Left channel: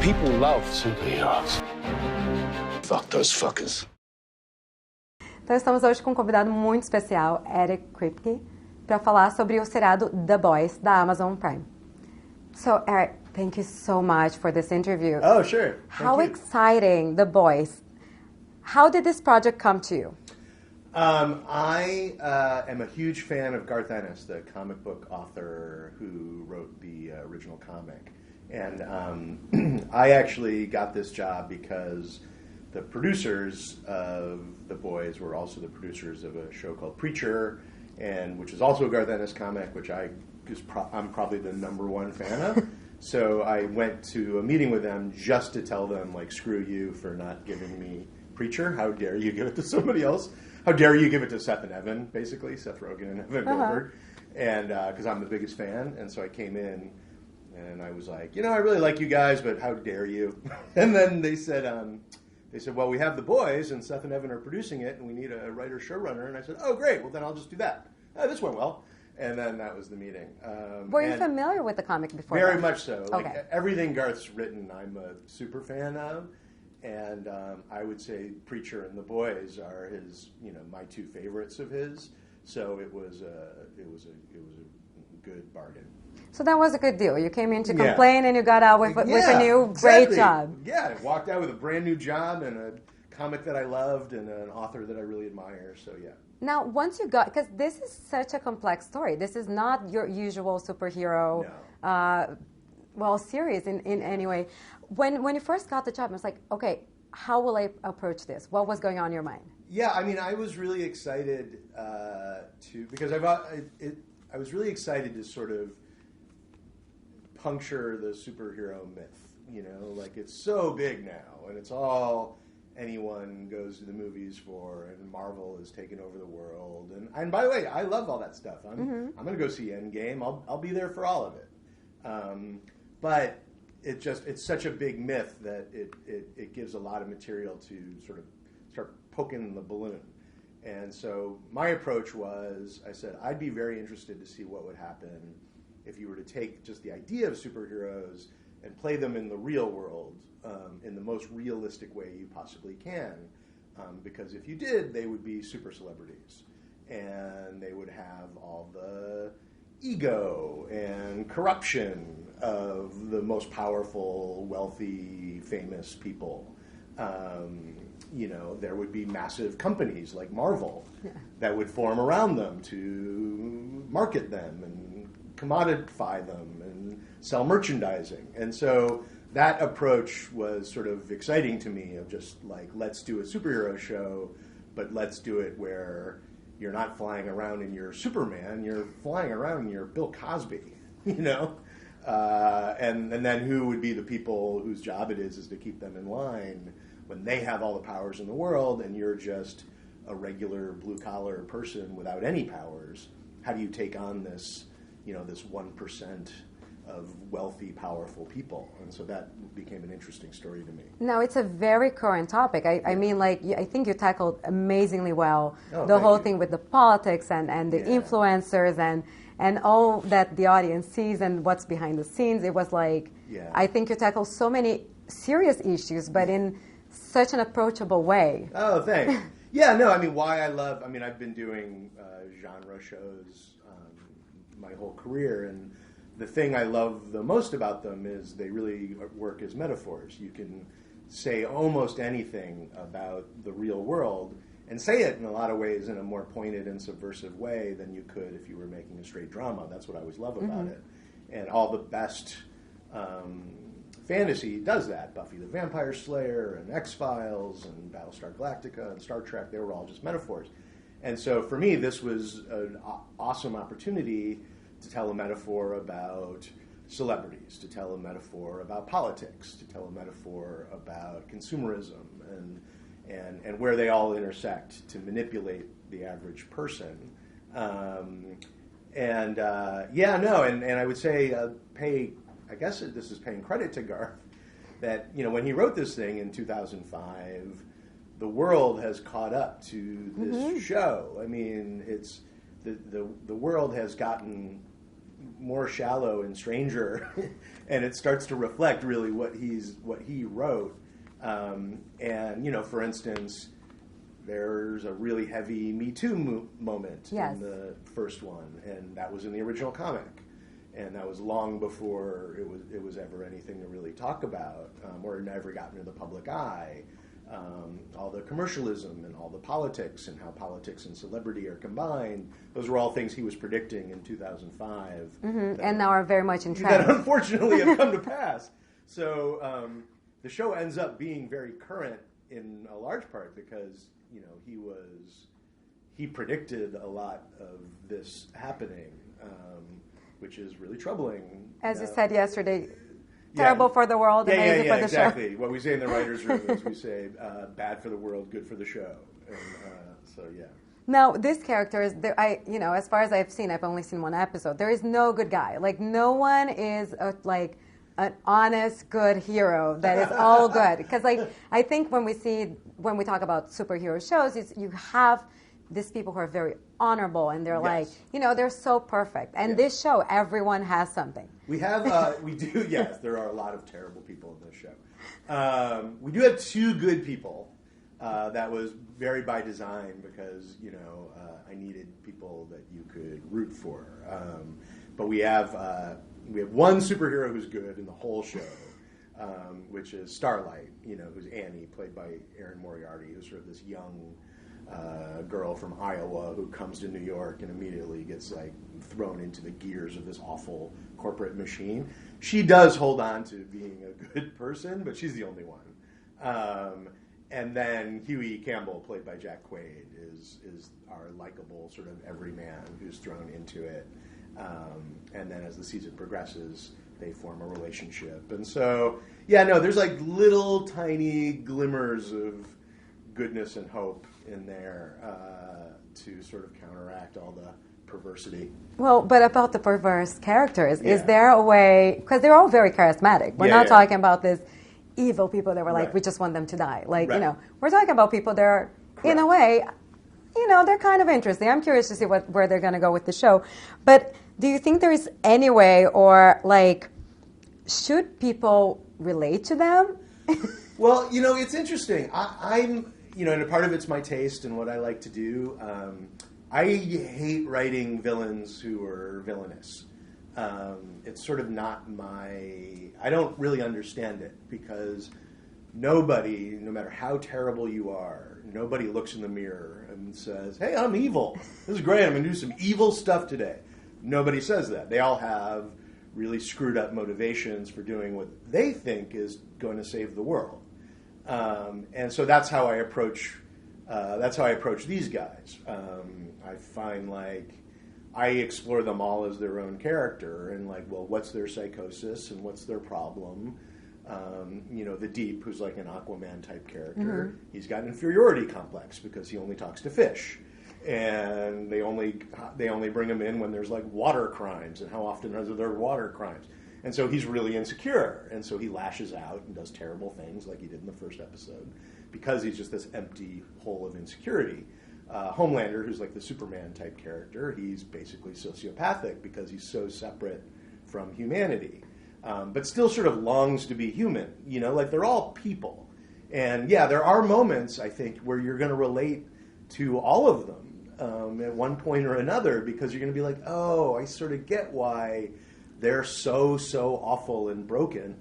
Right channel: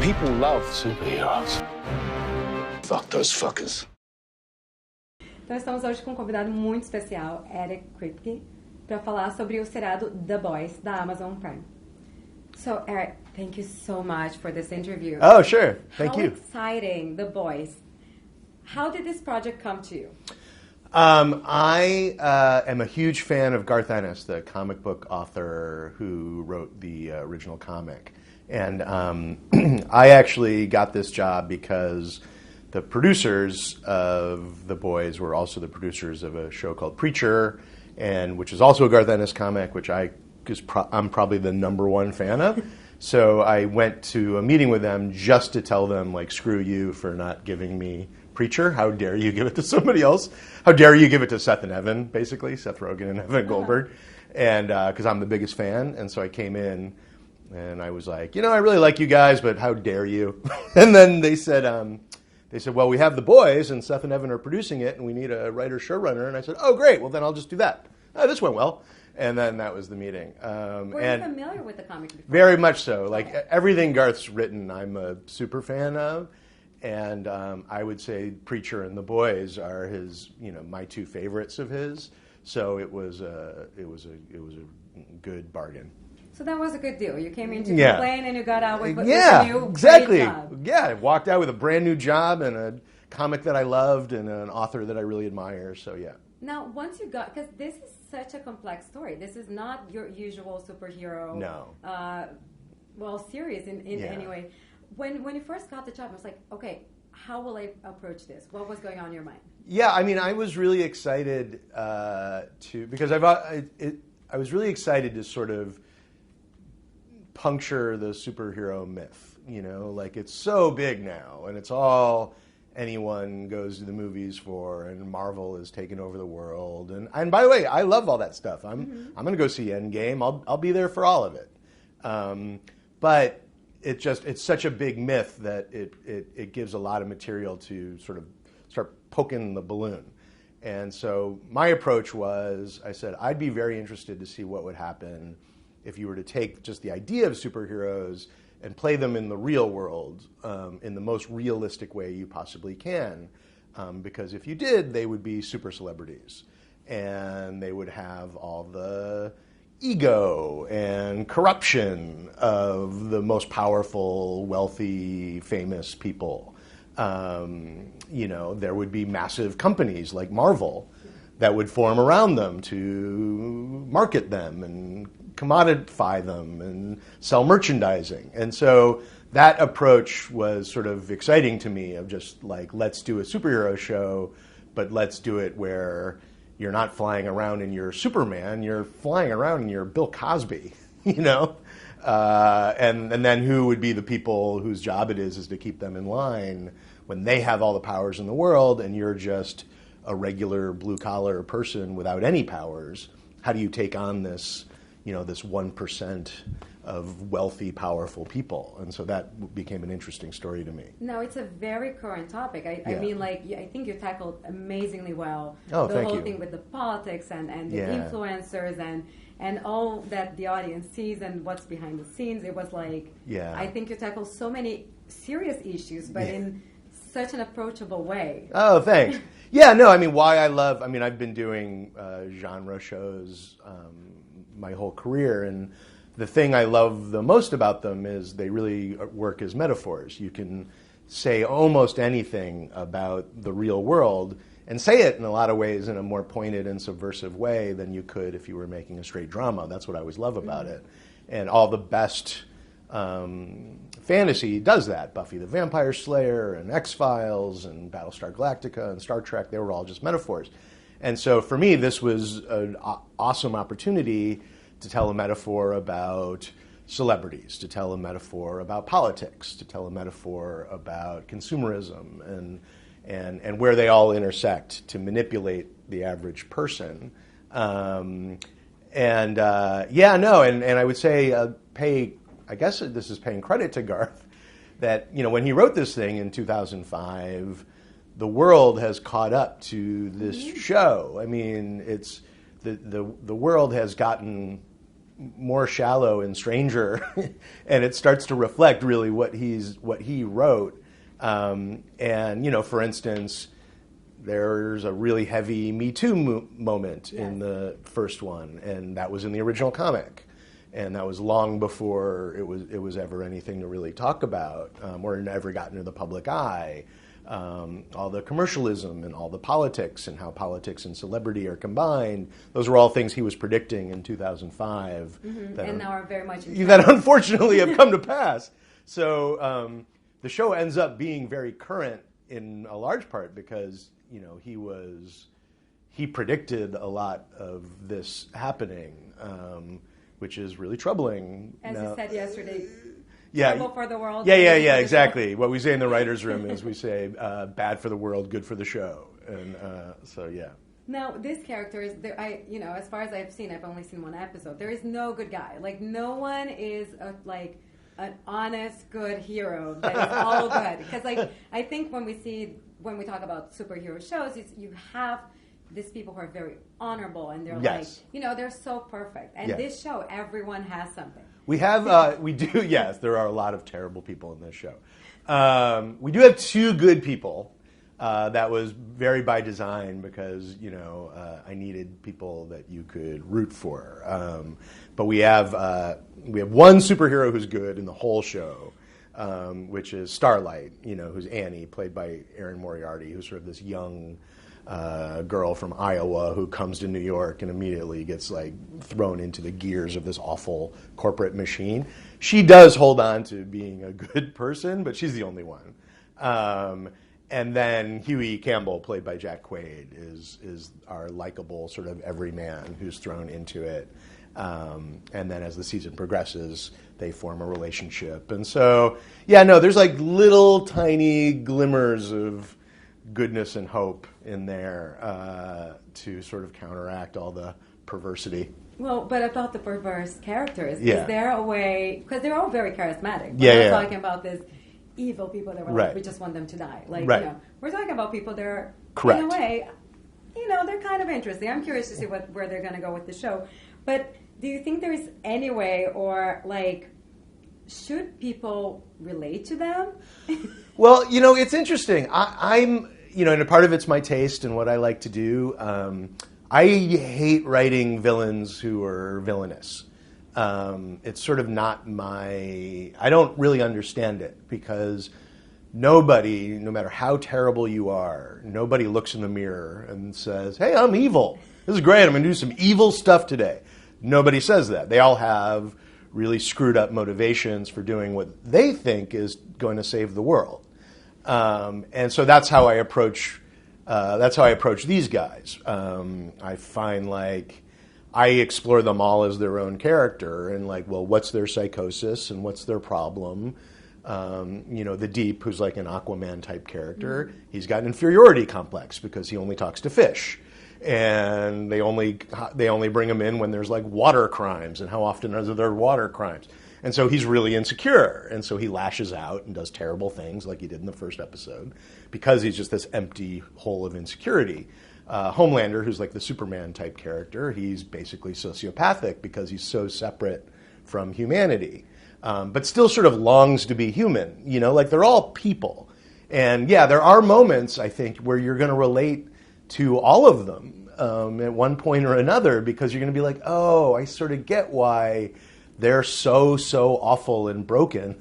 People love superheroes. Fuck those fuckers. Então estamos hoje com um convidado muito especial, Eric Kripke, para falar sobre o seriado The Boys da Amazon Prime. So Eric, thank you so much for this interview. Oh, sure. Thank you. How exciting, The Boys. How did this project come to you? I am a huge fan of Garth Ennis, the comic book author who wrote the original comic. And I actually got this job because the producers of The Boys were also the producers of a show called Preacher, and which is also a Garth Ennis comic, which I'm probably the #1 fan of. So I went to a meeting with them just to tell them, like, screw you for not giving me Preacher. How dare you give it to somebody else? How dare you give it to Seth and Evan, basically, Seth Rogen and Evan Goldberg, and because I'm the biggest fan. And so I came in, and I was like, I really like you guys, but how dare you? And then they said, well, we have The Boys, and Seth and Evan are producing it, and we need a writer-showrunner. And I said, oh, great, well, then I'll just do that. Oh, this went well. And then that was the meeting. Were you familiar with the comic before? Very much so. Like, everything Garth's written, I'm a super fan of. And I would say Preacher and The Boys are his, my two favorites of his. So it was a good bargain. So that was a good deal. You came in to complain and you got out with a new great job. Yeah, I walked out with a brand new job and a comic that I loved and an author that I really admire. So yeah. Now, once you got, because this is such a complex story. This is not your usual superhero, series in any way. When you first got the job, I was like, okay, how will I approach this? What was going on in your mind? Yeah, I mean, I was really excited because I was really excited to sort of puncture the superhero myth. Like, it's so big now, and it's all anyone goes to the movies for, and Marvel has taken over the world. And by the way, I love all that stuff. I'm going to go see Endgame. I'll be there for all of it. But it's such a big myth that it gives a lot of material to sort of start poking the balloon. And so my approach was, I said, I'd be very interested to see what would happen if you were to take just the idea of superheroes and play them in the real world in the most realistic way you possibly can. Because if you did, they would be super celebrities. And they would have all the ego and corruption of the most powerful, wealthy, famous people. There would be massive companies like Marvel that would form around them to market them and commodify them and sell merchandising. And so that approach was sort of exciting to me, of just like, let's do a superhero show, but let's do it where you're not flying around in your Superman, you're flying around in your Bill Cosby, and then who would be the people whose job it is to keep them in line when they have all the powers in the world and you're just a regular blue-collar person without any powers. How do you take on this, this 1% of wealthy, powerful people? And so that became an interesting story to me. No, it's a very current topic. I mean, like, I think you tackled amazingly well the whole thing with the politics and the influencers and all that the audience sees and what's behind the scenes. It was like, I think you tackled so many serious issues, but in such an approachable way. Oh, thanks. Yeah, no, I've been doing genre shows my whole career, and the thing I love the most about them is they really work as metaphors. You can say almost anything about the real world and say it in a lot of ways in a more pointed and subversive way than you could if you were making a straight drama. That's what I always love about it. And all the best fantasy does that. Buffy the Vampire Slayer and X-Files and Battlestar Galactica and Star Trek, they were all just metaphors. And so for me, this was an awesome opportunity to tell a metaphor about celebrities, to tell a metaphor about politics, to tell a metaphor about consumerism and where they all intersect to manipulate the average person. And I would say I guess this is paying credit to Garth, that when he wrote this thing in 2005, the world has caught up to this show. I mean, it's the world has gotten more shallow and stranger, and it starts to reflect really what he wrote. And for instance, there's a really heavy Me Too moment in the first one, and that was in the original comic, and that was long before it was ever anything to really talk about, or it ever got into the public eye. All the commercialism and all the politics and how politics and celebrity are combined. Those were all things he was predicting in 2005. And now are very much in trend. That unfortunately have come to pass. So the show ends up being very current in a large part because he predicted a lot of this happening, which is really troubling. As you said yesterday. Terrible for the world. Yeah, exactly. What we say in the writer's room is we say bad for the world, good for the show. And Now, this character is there. As far as I've seen, I've only seen one episode. There is no good guy. Like, no one is an honest, good hero that is all good. Because I think when we talk about superhero shows, you have these people who are very honorable and they're they're so perfect. And this show, everyone has something. We do, yes, there are a lot of terrible people in this show. We do have two good people. That was very by design because, I needed people that you could root for. But we have one superhero who's good in the whole show, which is Starlight, who's Annie, played by Erin Moriarty, who's sort of this young girl from Iowa who comes to New York and immediately gets thrown into the gears of this awful corporate machine. She does hold on to being a good person, but she's the only one. And then Huey Campbell, played by Jack Quaid, is our likable sort of everyman who's thrown into it. And then as the season progresses, they form a relationship. And so, there's little tiny glimmers of goodness and hope in there to sort of counteract all the perversity. Well, but about the perverse characters, is there a way, because they're all very charismatic. We're not talking about this evil people that were we just want them to die. We're talking about people that are, in a way, they're kind of interesting. I'm curious to see where they're going to go with the show. But do you think there is any way, or should people relate to them? Well, it's interesting. I'm and a part of it's my taste and what I like to do. I hate writing villains who are villainous. It's sort of not I don't really understand it because nobody, no matter how terrible you are, nobody looks in the mirror and says, hey, I'm evil. This is great. I'm going to do some evil stuff today. Nobody says that. They all have really screwed up motivations for doing what they think is going to save the world. And so that's how I approach these guys. I find I explore them all as their own character and what's their psychosis and what's their problem? The Deep, who's an Aquaman type character, he's got an inferiority complex because he only talks to fish. And they only bring him in when there's water crimes, and how often are there water crimes? And so he's really insecure, and so he lashes out and does terrible things like he did in the first episode because he's just this empty hole of insecurity. Homelander, who's the Superman type character, he's basically sociopathic because he's so separate from humanity, but still sort of longs to be human. They're all people. And there are moments, I think, where you're going to relate to all of them at one point or another because you're going to be oh, I sort of get why they're so awful and broken,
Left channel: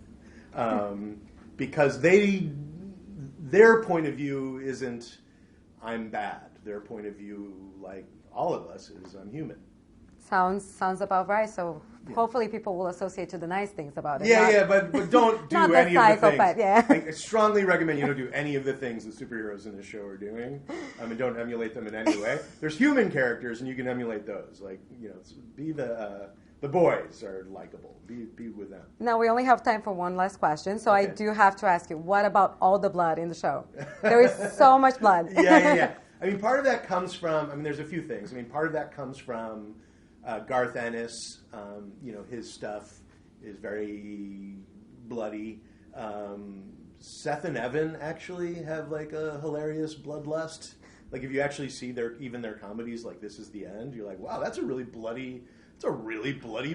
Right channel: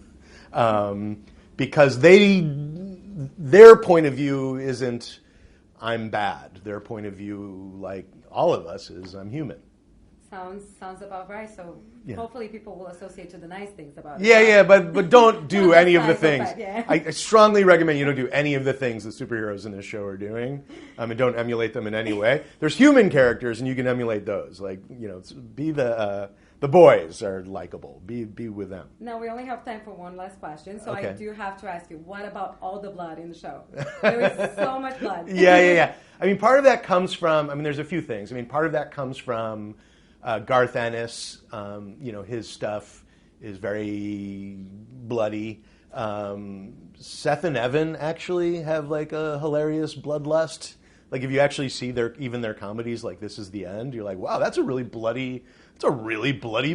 because their point of view isn't I'm bad. Their point of view, all of us, is I'm human. Sounds about right. So hopefully people will associate to the nice things about it. Yeah, but don't do any of the things. But, I strongly recommend you don't do any of the things that superheroes in this show are doing, and don't emulate them in any way. There's human characters, and you can emulate those. Be the boys are likable. Be with them. Now, we only have time for one last question, so Okay. I do have to ask you, what about all the blood in the show? There is so much blood. Yeah. Part of that comes from, there's a few things. Part of that comes from Garth Ennis. His stuff is very bloody. Seth and Evan actually have a hilarious bloodlust Like if you actually see even their comedies, like This Is the End, you're like, wow, that's a really bloody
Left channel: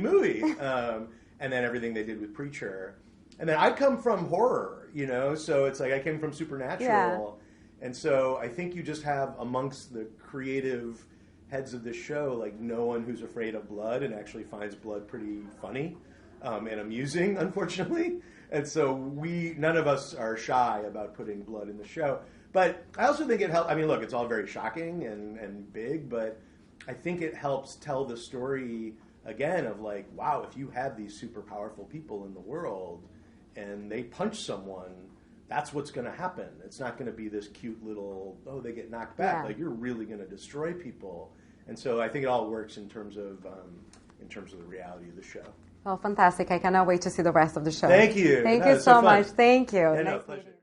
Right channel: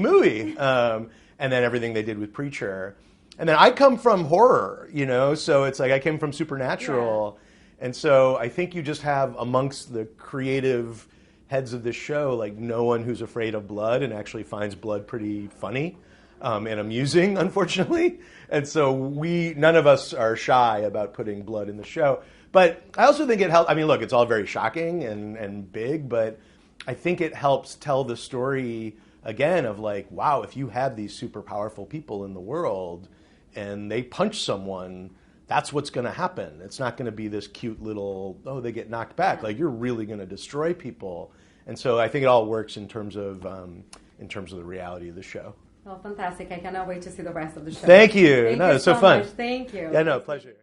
movie. And then everything they did with Preacher. And then I come from horror, so it's like I came from Supernatural. Yeah. And so I think you just have amongst the creative heads of this show, like no one who's afraid of blood and actually finds blood pretty funny and amusing, unfortunately. And so none of us are shy about putting blood in the show. But I also think it helps. I mean, look, it's all very shocking and big, but I think it helps tell the story again of like, wow, if you had these super powerful people in the world and they punch someone, that's what's going to happen. It's not going to be this cute little, they get knocked back. Yeah. Like you're really going to destroy people. And so I think it all works in terms of the reality of the show. Well, fantastic. I cannot wait to see the rest of the show. Thank you. Thank you it's so much. Thank you. Yeah, no, pleasure.